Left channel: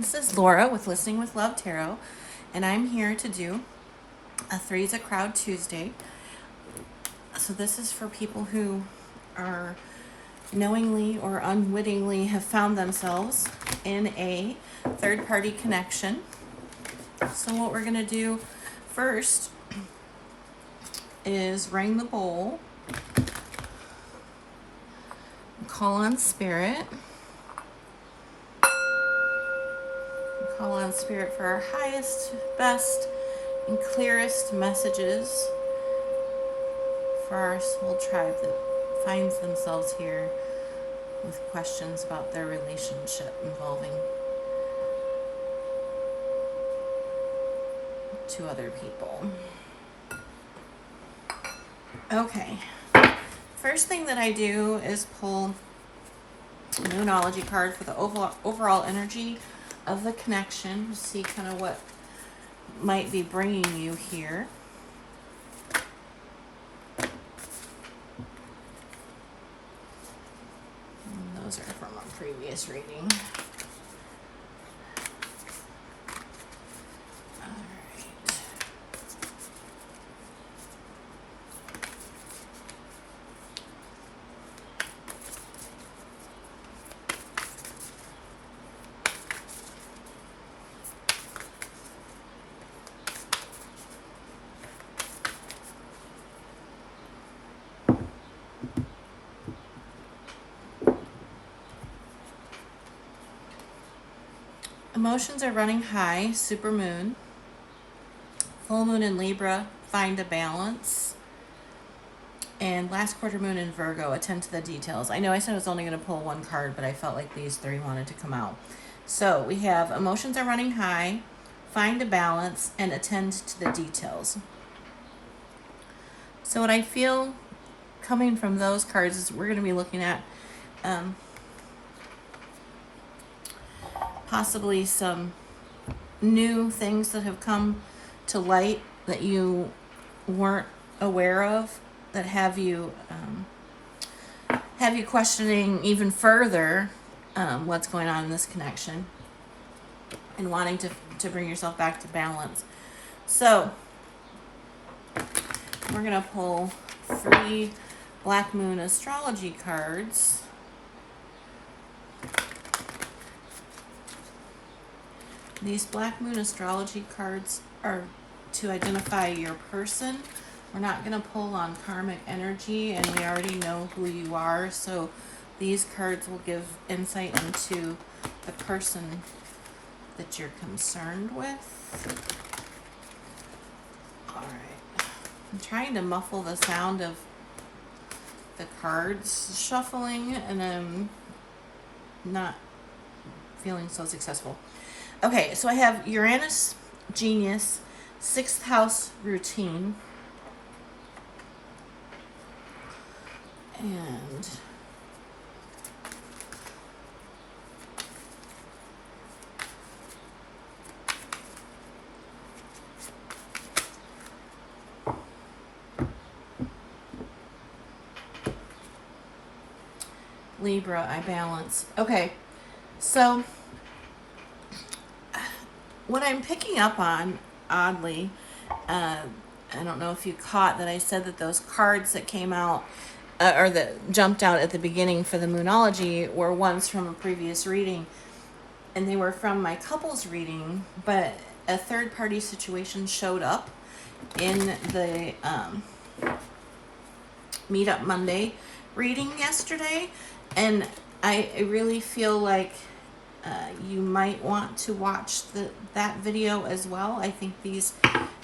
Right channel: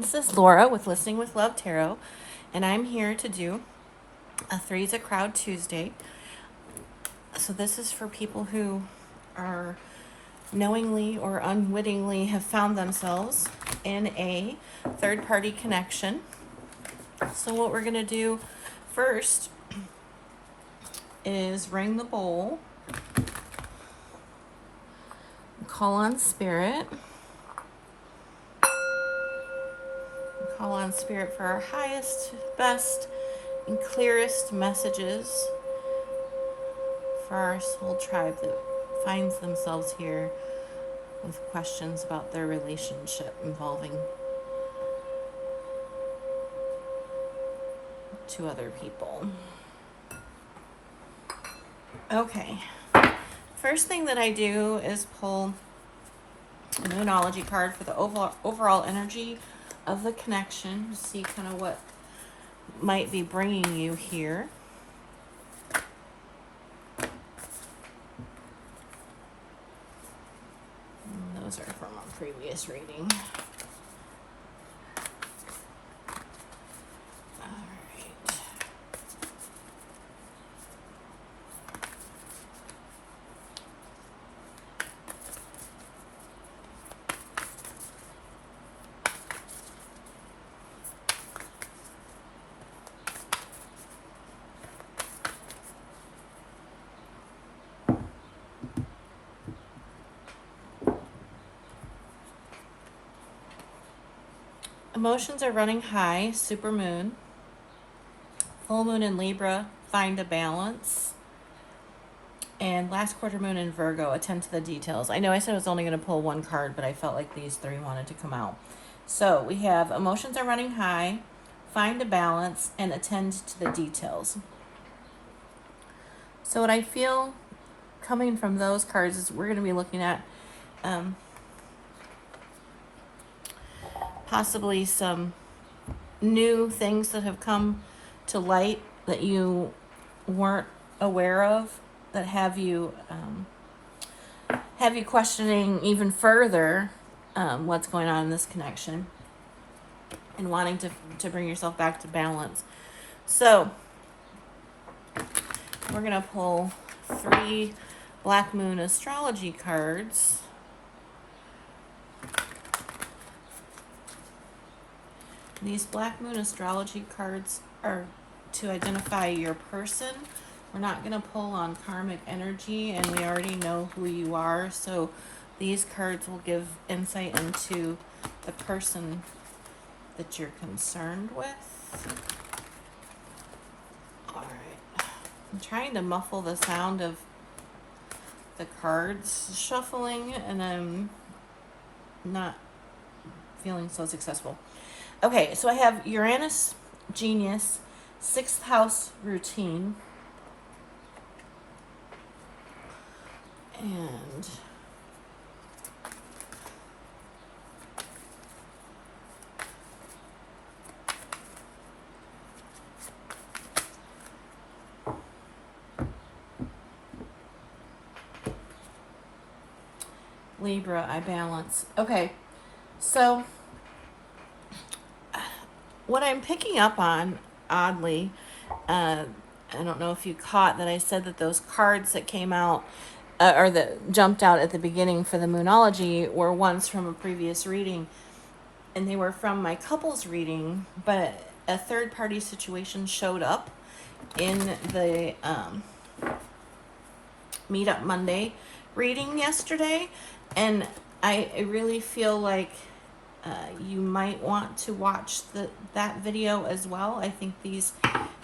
This is Laura with Listening with Love Tarot, and I'm here to do a 3's a Crowd Tuesday. So this is for people who are knowingly or unwittingly have found themselves in a third-party connection. So what we're going to do first is ring the bowl, call on spirit. Call on spirit for our highest, best, and clearest messages for our soul tribe that finds themselves here with questions about their relationship involving two other people. Okay. First thing that I do is pull a Moonology card for the overall energy of the connection, see kind of what might be bringing you here. And those are from our previous reading. All right. Emotions are running high, super moon. Full moon in Libra, find a balance. And last quarter moon in Virgo, attend to the details. I know I said I was only going to pull one card, but I felt like these three wanted to come out. So we have emotions are running high, find a balance, and attend to the details. So what I feel coming from those cards is we're going to be looking at possibly some new things that have come to light that you weren't aware of, that have you questioning even further what's going on in this connection and wanting to bring yourself back to balance. So we're going to pull 3 Black Moon astrology cards. These Black Moon astrology cards are to identify your person. We're not going to pull on karmic energy, and we already know who you are, so these cards will give insight into the person that you're concerned with. All right. I'm trying to muffle the sound of the cards shuffling, and I'm not feeling so successful. Okay, so I have Uranus, Genius, 6th house routine, and Libra, I balance. Okay, so what I'm picking up on, oddly, I don't know if you caught that I said that those cards that came out, or that jumped out at the beginning for the Moonology, were ones from a previous reading, and they were from my couples reading, but a third-party situation showed up in the Meetup Monday reading yesterday, and I really feel like you might want to watch that video as well. I think these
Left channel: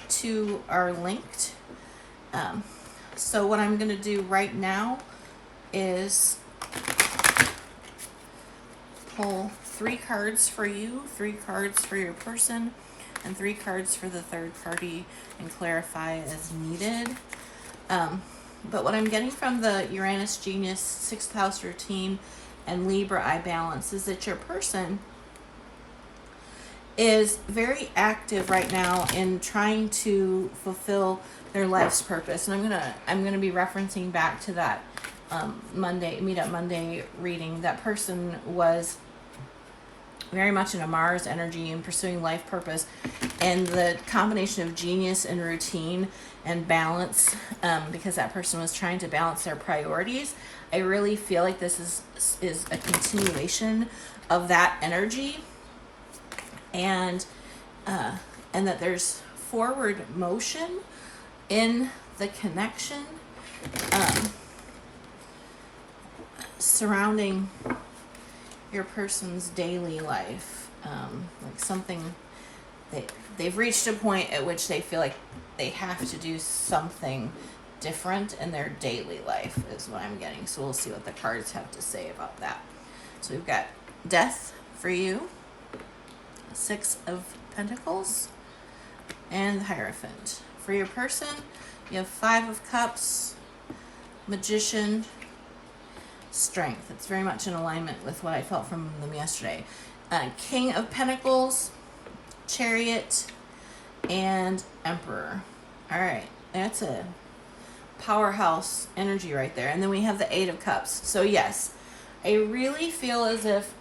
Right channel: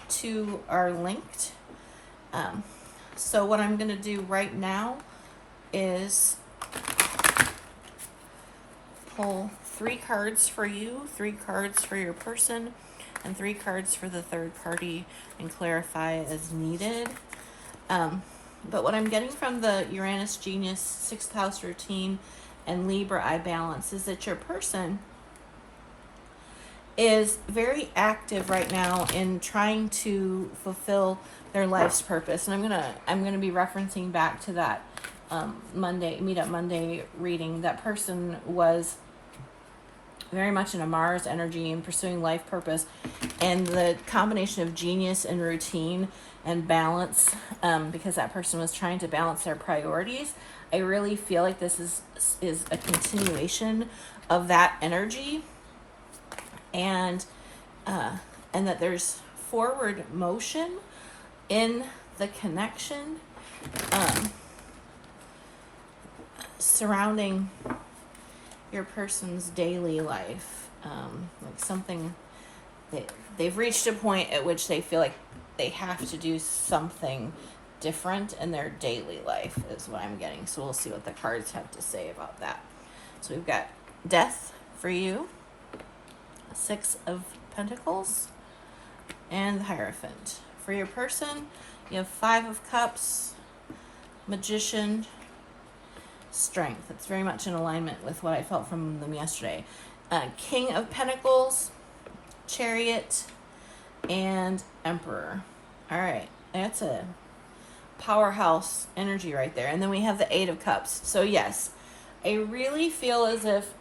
two are linked. So what I'm going to do right now is pull 3 cards for you, 3 cards for your person, and 3 cards for the third party, and clarify as needed. But what I'm getting from the Uranus Genius 6th house routine and Libra I balance is that your person is very active right now in trying to fulfill their life's purpose. And I'm gonna be referencing back to that Meetup Monday reading. That person was very much in a Mars energy and pursuing life purpose, and the combination of genius and routine and balance, because that person was trying to balance their priorities. I really feel like this is a continuation of that energy, and that there's forward motion in the connection surrounding your person's daily life, like something they've reached a point at which they feel like they have to do something different in their daily life is what I'm getting. So we'll see what the cards have to say about that. So we've got Death for you, Six of Pentacles, and the Hierophant. For your person, you have Five of Cups, Magician, Strength. It's very much in alignment with what I felt from them yesterday. King of Pentacles, Chariot, and Emperor. All right, that's a powerhouse energy right there. And then we have the Eight of Cups. So yes, I really feel as if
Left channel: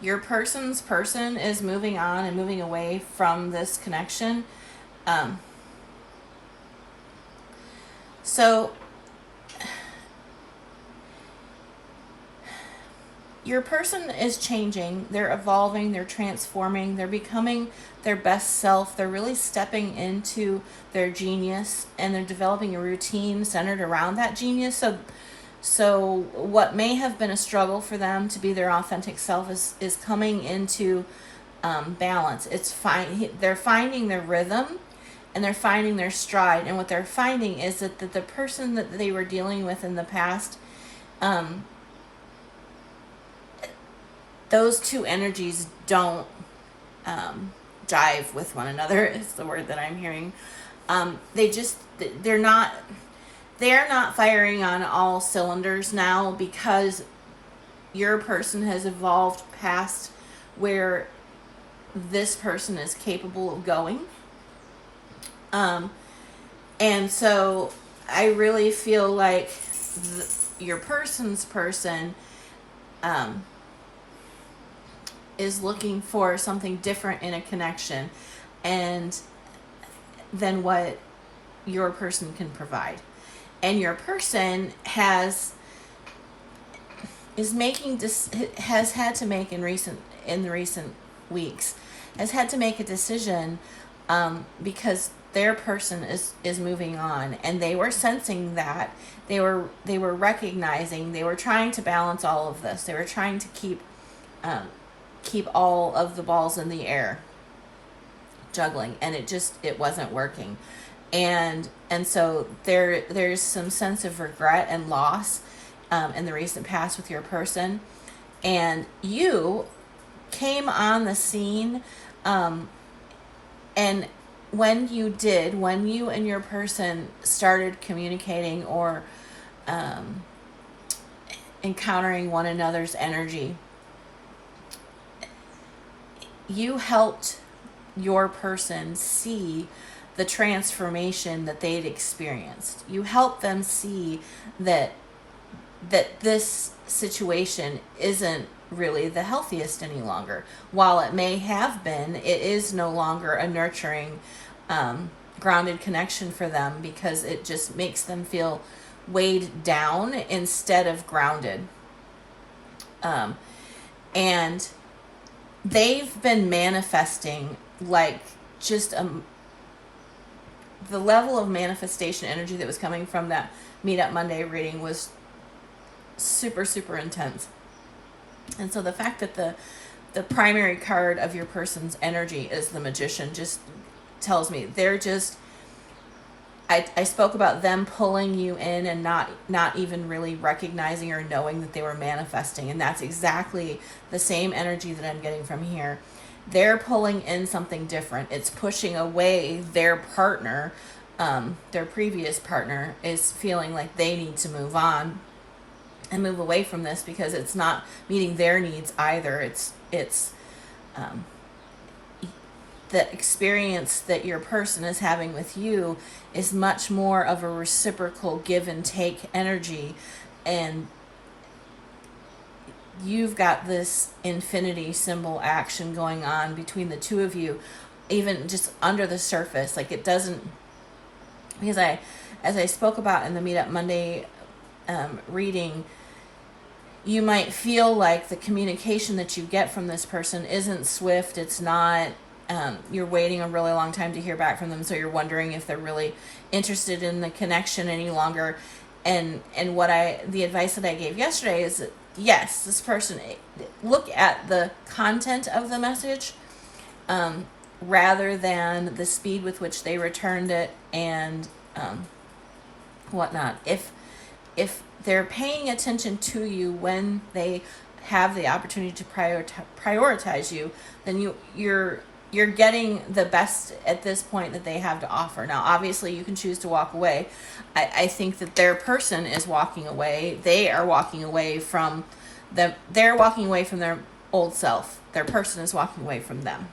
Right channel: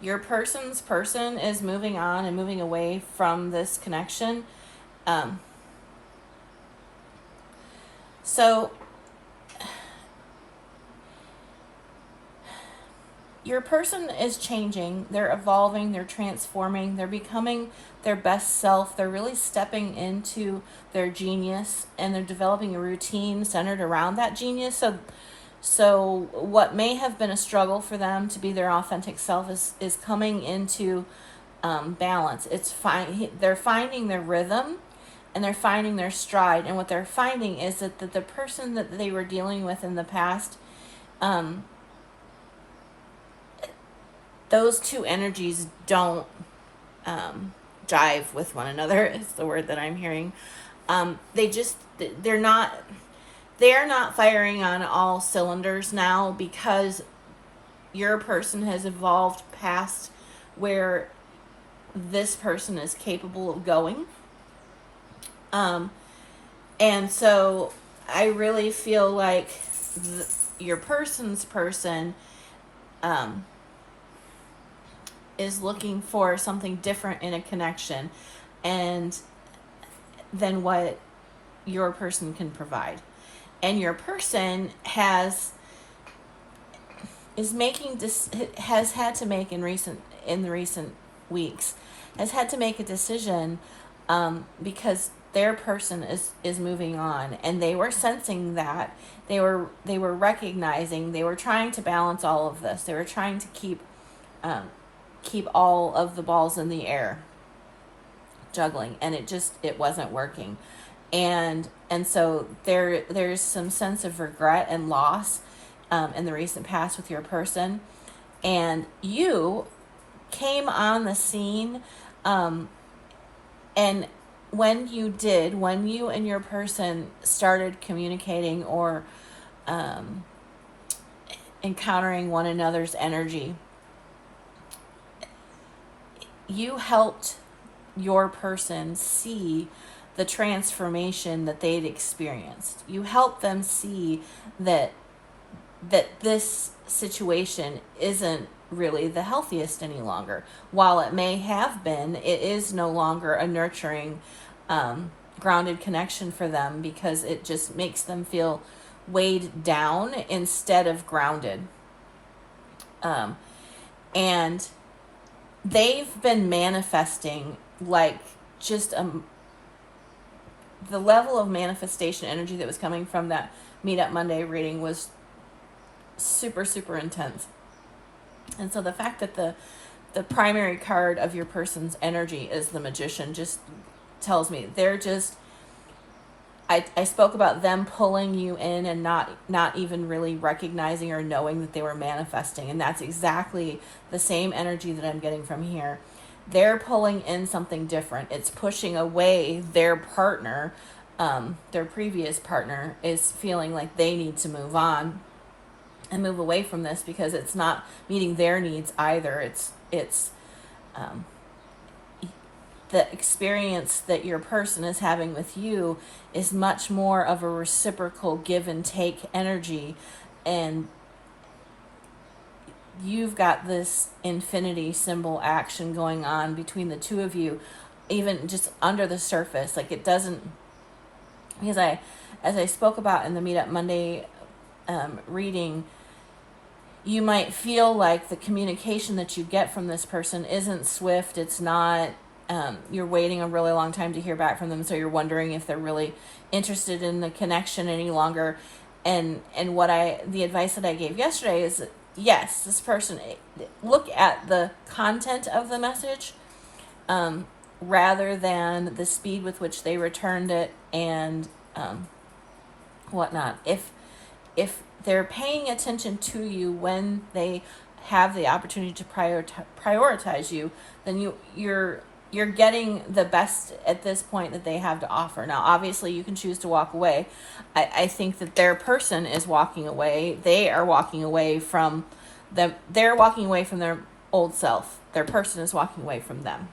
your person's person is moving on and moving away from this connection. So your person is changing, they're evolving, they're transforming, they're becoming their best self, they're really stepping into their genius, and they're developing a routine centered around that genius. So what may have been a struggle for them to be their authentic self is coming into balance. It's fine. They're finding their rhythm, and they're finding their stride. And what they're finding is that the person that they were dealing with in the past, those two energies don't jive with one another, is the word that I'm hearing. They're not firing on all cylinders now, because your person has evolved past where this person is capable of going. And so I really feel like your person's person is looking for something different in a connection and than what your person can provide. And your person has had to make in the recent weeks, has had to make a decision, because their person is moving on, and they were sensing that. They were recognizing, they were trying to balance all of this. They were trying to keep all of the balls in the air, juggling, and it wasn't working. And so there's some sense of regret and loss in the recent past with your person. And you came on the scene, and when you and your person started communicating or encountering one another's energy, you helped your person see the transformation that they'd experienced. You helped them see that this situation isn't really the healthiest any longer. While it may have been, it is no longer a nurturing, grounded connection for them, because it just makes them feel weighed down instead of grounded. And they've been manifesting like just the level of manifestation energy that was coming from that Meetup Monday reading was super, super intense. And so the fact that the primary card of your person's energy is the Magician just tells me they're just, I spoke about them pulling you in and not even really recognizing or knowing that they were manifesting. And that's exactly the same energy that I'm getting from here. They're pulling in something different. It's pushing away their partner. Their previous partner is feeling like they need to move on and move away from this because it's not meeting their needs either. It's the experience that your person is having with you is much more of a reciprocal give and take energy, and you've got this infinity symbol action going on between the two of you, even just under the surface. Like, it doesn't, because as I spoke about in the Meetup Monday reading, you might feel like the communication that you get from this person isn't swift. It's not, you're waiting a really long time to hear back from them, so you're wondering if they're really interested in the connection any longer. And the advice that I gave yesterday is that, yes, this person, look at the content of the message, rather than the speed with which they returned it and whatnot. If they're paying attention to you when they have the opportunity to prioritize you, then you're getting the best at this point that they have to offer. Now, obviously, you can choose to walk away. I think that their person is walking away. They are walking away from they're walking away from their old self. Their person is walking away from them.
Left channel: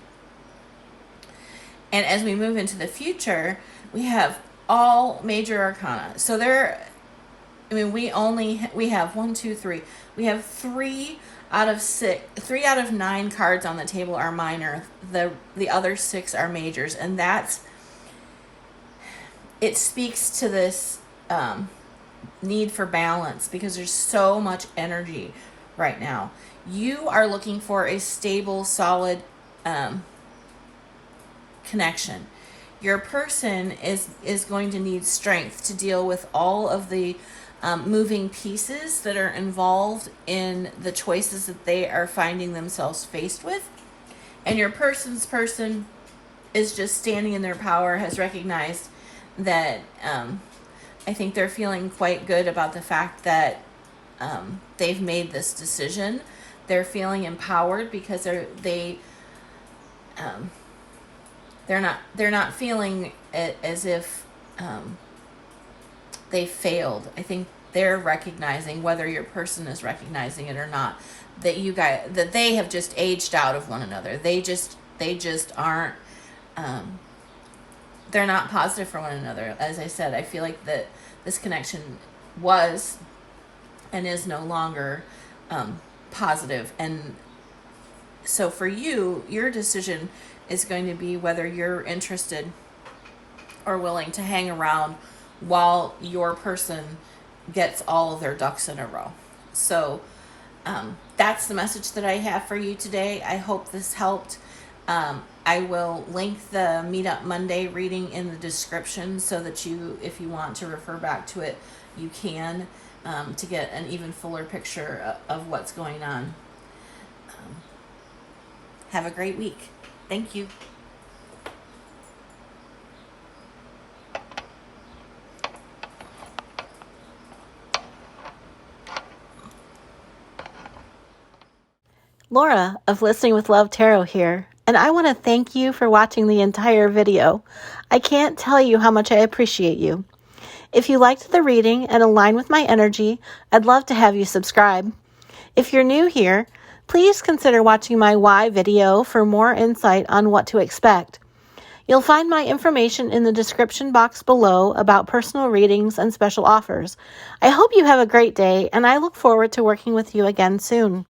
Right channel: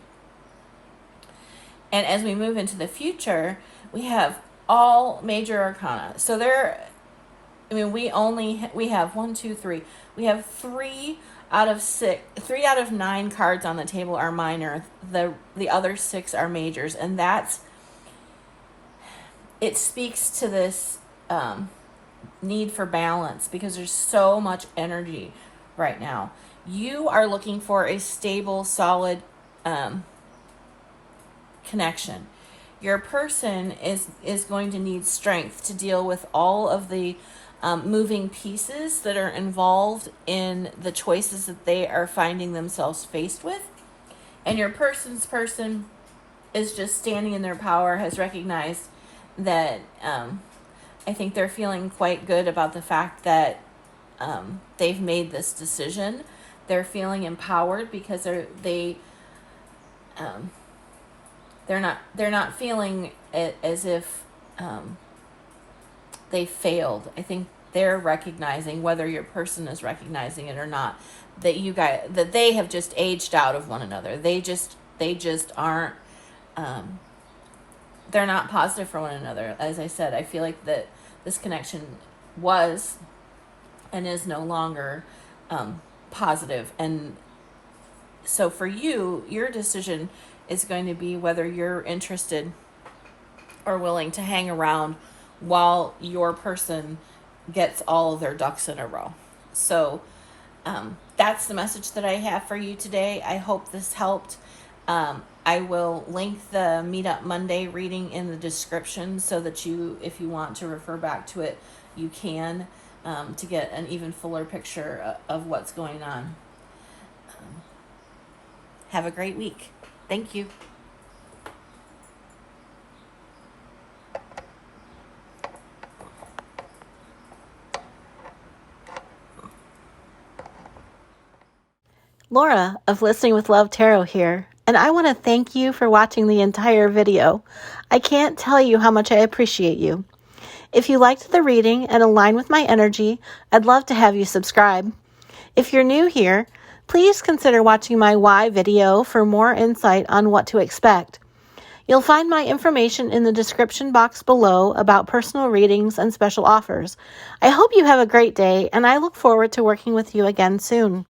And as we move into the future, we have all major arcana. So we have 1, 2, 3. We have 3 out of 9 cards on the table are minor. The other 6 are majors, and it speaks to this need for balance, because there's so much energy right now. You are looking for a stable, solid connection. Your person is going to need strength to deal with all of the moving pieces that are involved in the choices that they are finding themselves faced with. And your person's person is just standing in their power, has recognized that I think they're feeling quite good about the fact that they've made this decision. They're feeling empowered because they're not feeling as if they failed. I think they're recognizing, whether your person is recognizing it or not, that they have just aged out of one another. They just aren't, they're not positive for one another. As I said, I feel like that this connection was and is no longer positive. And so for you, your decision is going to be whether you're interested or willing to hang around while your person gets all of their ducks in a row. So that's the message that I have for you today. I hope this helped. I will link the Meetup Monday reading in the description so that if you want to refer back to it, you can, to get an even fuller picture of what's going on. Have a great week. Thank you. Laura of Listening with Love Tarot here, and I want to thank you for watching the entire video. I can't tell you how much I appreciate you. If you liked the reading and align with my energy, I'd love to have you subscribe. If you're new here, please consider watching my why video for more insight on what to expect. You'll find my information in the description box below about personal readings and special offers. I hope you have a great day, and I look forward to working with you again soon.